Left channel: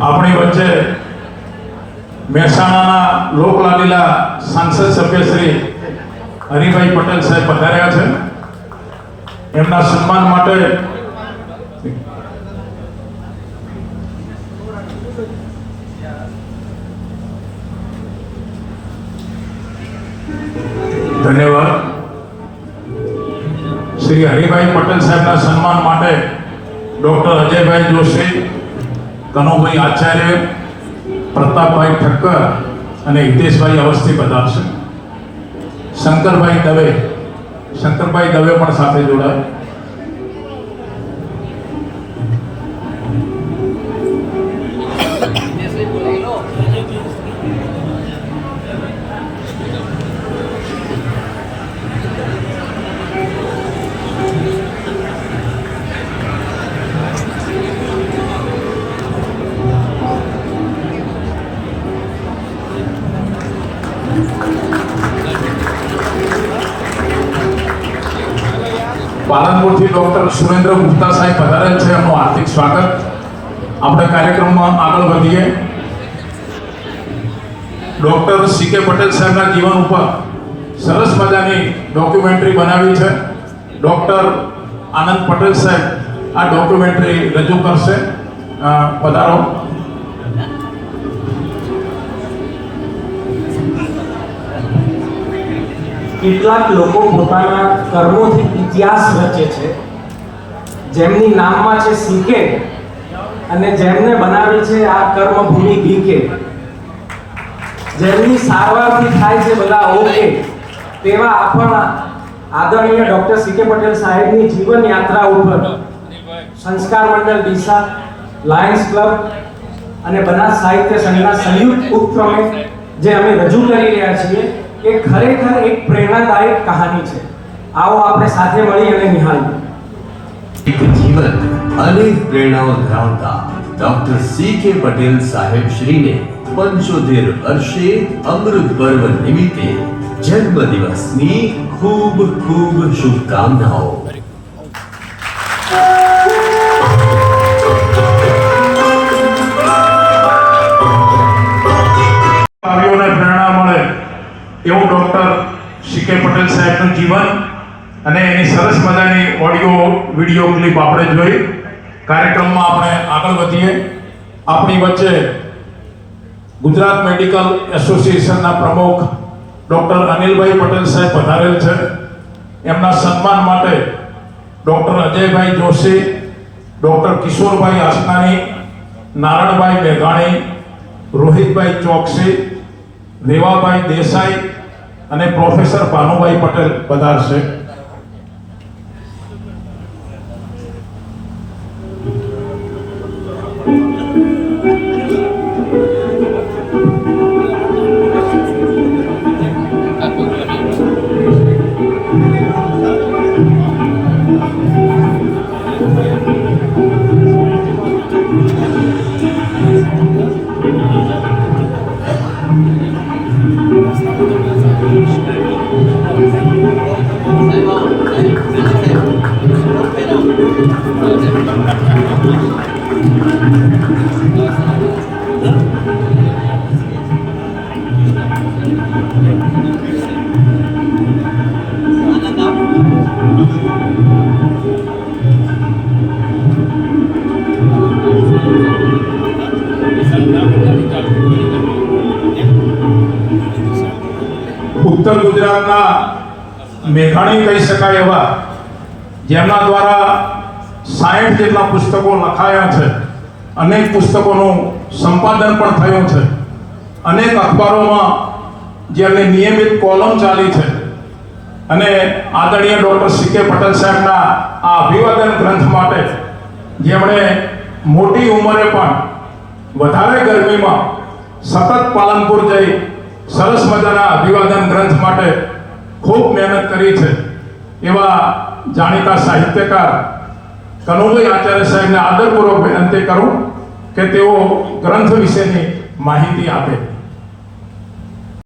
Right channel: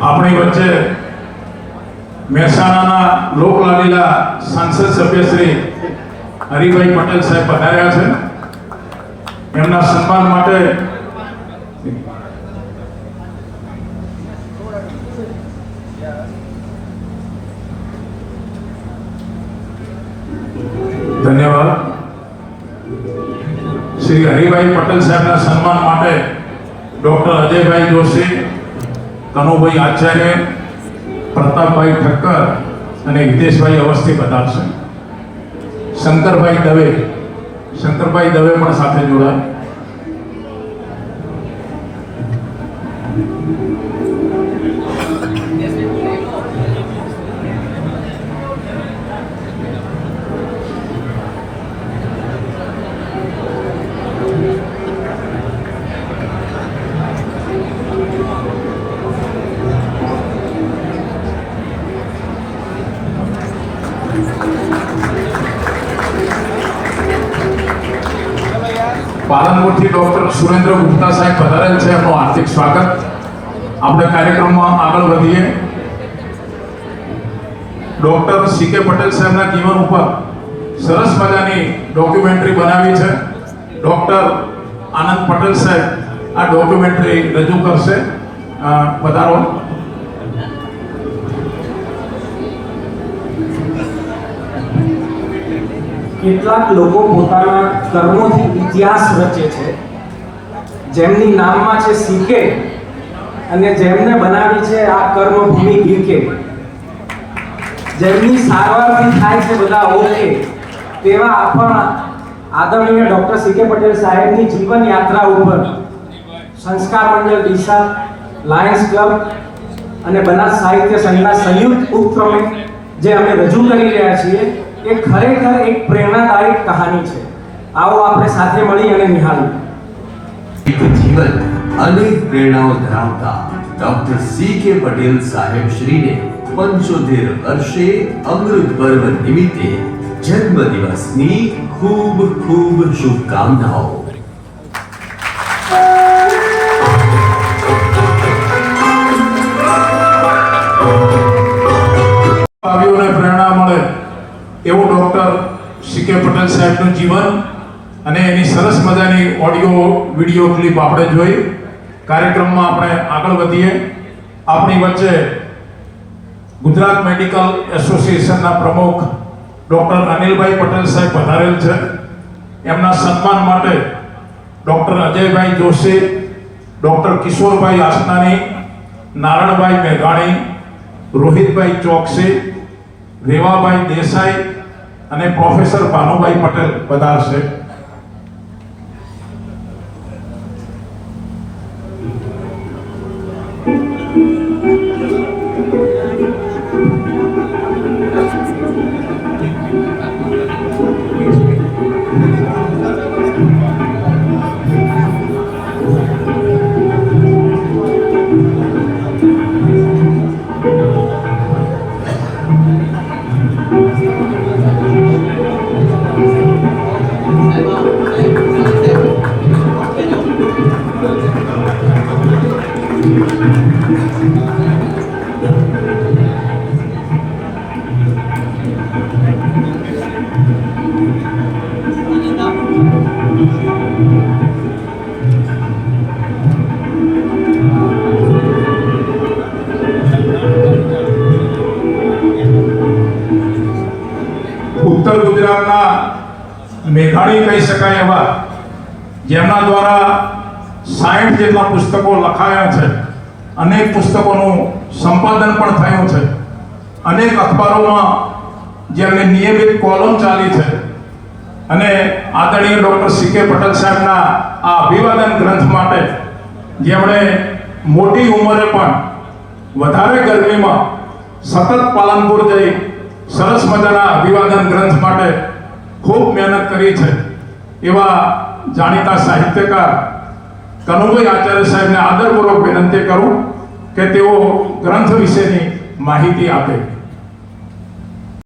આપણી વચ્ચે મહેસાણાના લોકલાડીલા સાંસદ સભ્ય શ્રી હરિભાઈ પટેલ સાહેબ પધાર્યા છે. એમના સન્માન માટે ધન્યવાદ. શ્રી હરિભાઈ પટેલ સાહેબના સન્માન માટે ડોક્ટર અજયભાઈ જોશી, કનુભાઈ આચાર્ય, પ્રતાપભાઈ ઠક્કર અને હિતેશભાઈ અવસ્થી પધારશે. શંકરભાઈ દવે પણ સાથે જોડાય. પાલનપુરથી ડોક્ટર સુરેન્દ્ર ગુપ્તા સાહેબ પધારેલ છે. એમનું હાર્દિક સ્વાગત. આપણે કાર્યક્રમમાં આગળ વધીએ. ડોક્ટર સી.કે. પટેલ સાહેબના જીવન ઉપર સરસ મજાની ડોક્યુમેન્ટરી બનાવી છે. ડોક્ટર આનંદ પટેલ સાહેબ આ ડોક્યુમેન્ટરી રજૂ કરશે. પધારો. કેટલાક લોકો પોતાના કર્મોથી ઇતિહાસ રચે છે. જેમની નામમાં છે સી.કે. અને જેમને બનાવી છે આ કર્મભૂમિ બી.કે. જેમની સારવારથી થાય છે બધા ઓકે, તેવા આપણા આદરણીય ડોક્ટર સી.કે. પટેલ સાહેબની જીવન યાત્રા ઉપર સંસ્કાર મંડળ ડીસા, લાયન્સ ક્લબ અને બનાસ સાહિત્ય સંઘના સંયુક્ત ઉપક્રમે જે અમે રજૂ કરી રહ્યા છીએ એ ખરેખર એક પ્રેરણાદાયક કહાની છે. આવો આપણે સાથે મળી અને નિહાળીએ. જીવન અનેક પ્રેરણાઓ ધરાવતા ડોક્ટર સી.કે. પટેલ સાહેબ શ્રીને 75 વર્ષે અમૃત પર્વ નિમિત્તે જન્મદિવસની ખૂબ ખૂબ શુભકામનાઓ. એવું ડોક્ટર સી.કે. પટેલ સાહેબનું જીવન અને એની સરસ મજાની ઓડિયો વિડીયો ક્લિપ આપણે જોઈ. કાર્યક્રમમાં આપણે આગળ વધીએ. આપણી વચ્ચે ગુજરાત મેડિકલ એસોસિએશનના પ્રમુખ ડોક્ટર અનિલભાઈ પટેલ સાહેબ પધારેલ છે. એમના સન્માન માટે ડોક્ટર અજયભાઈ જોશી, ડોક્ટર કિશોરભાઈ આસનાની, નારણભાઈ મેઘાણી, રોહિતભાઈ ચોકસી, રેવાભાઈ દેસાઈ અને પ્રોફેસર ભાનુભાઈ પટેલ પધારશે. ઉત્તર ગુજરાતના મેઘાણી કહી શકાય એવા, જેમના દ્વારા 60 જેટલા પુસ્તકો લખાયા છે, અનેક પુસ્તકોનું સંપાદન પણ થયું છે, અનેક અખબારોમાં જેમની નિયમિત કોલમ ચાલી છે અને આદરણીય ડોક્ટર સી.કે. પટેલ સાહેબના આ અભિવાદન ગ્રંથ માટે જેમણે મોટી ઉંમરે પણ વધારે ગરમીમાં સતત પાલનપુર જઈ સરસ મજાના અભિવાદન ગ્રંથ માટે ખૂબ મહેનત કરી છે એવા જાણીતા સાહિત્યકાર કનુભાઈ આચાર્ય સાહેબને આદરપૂર્વક વિનંતી કરું કે તેઓ ગ્રંથ વિશેની માહિતી આપે.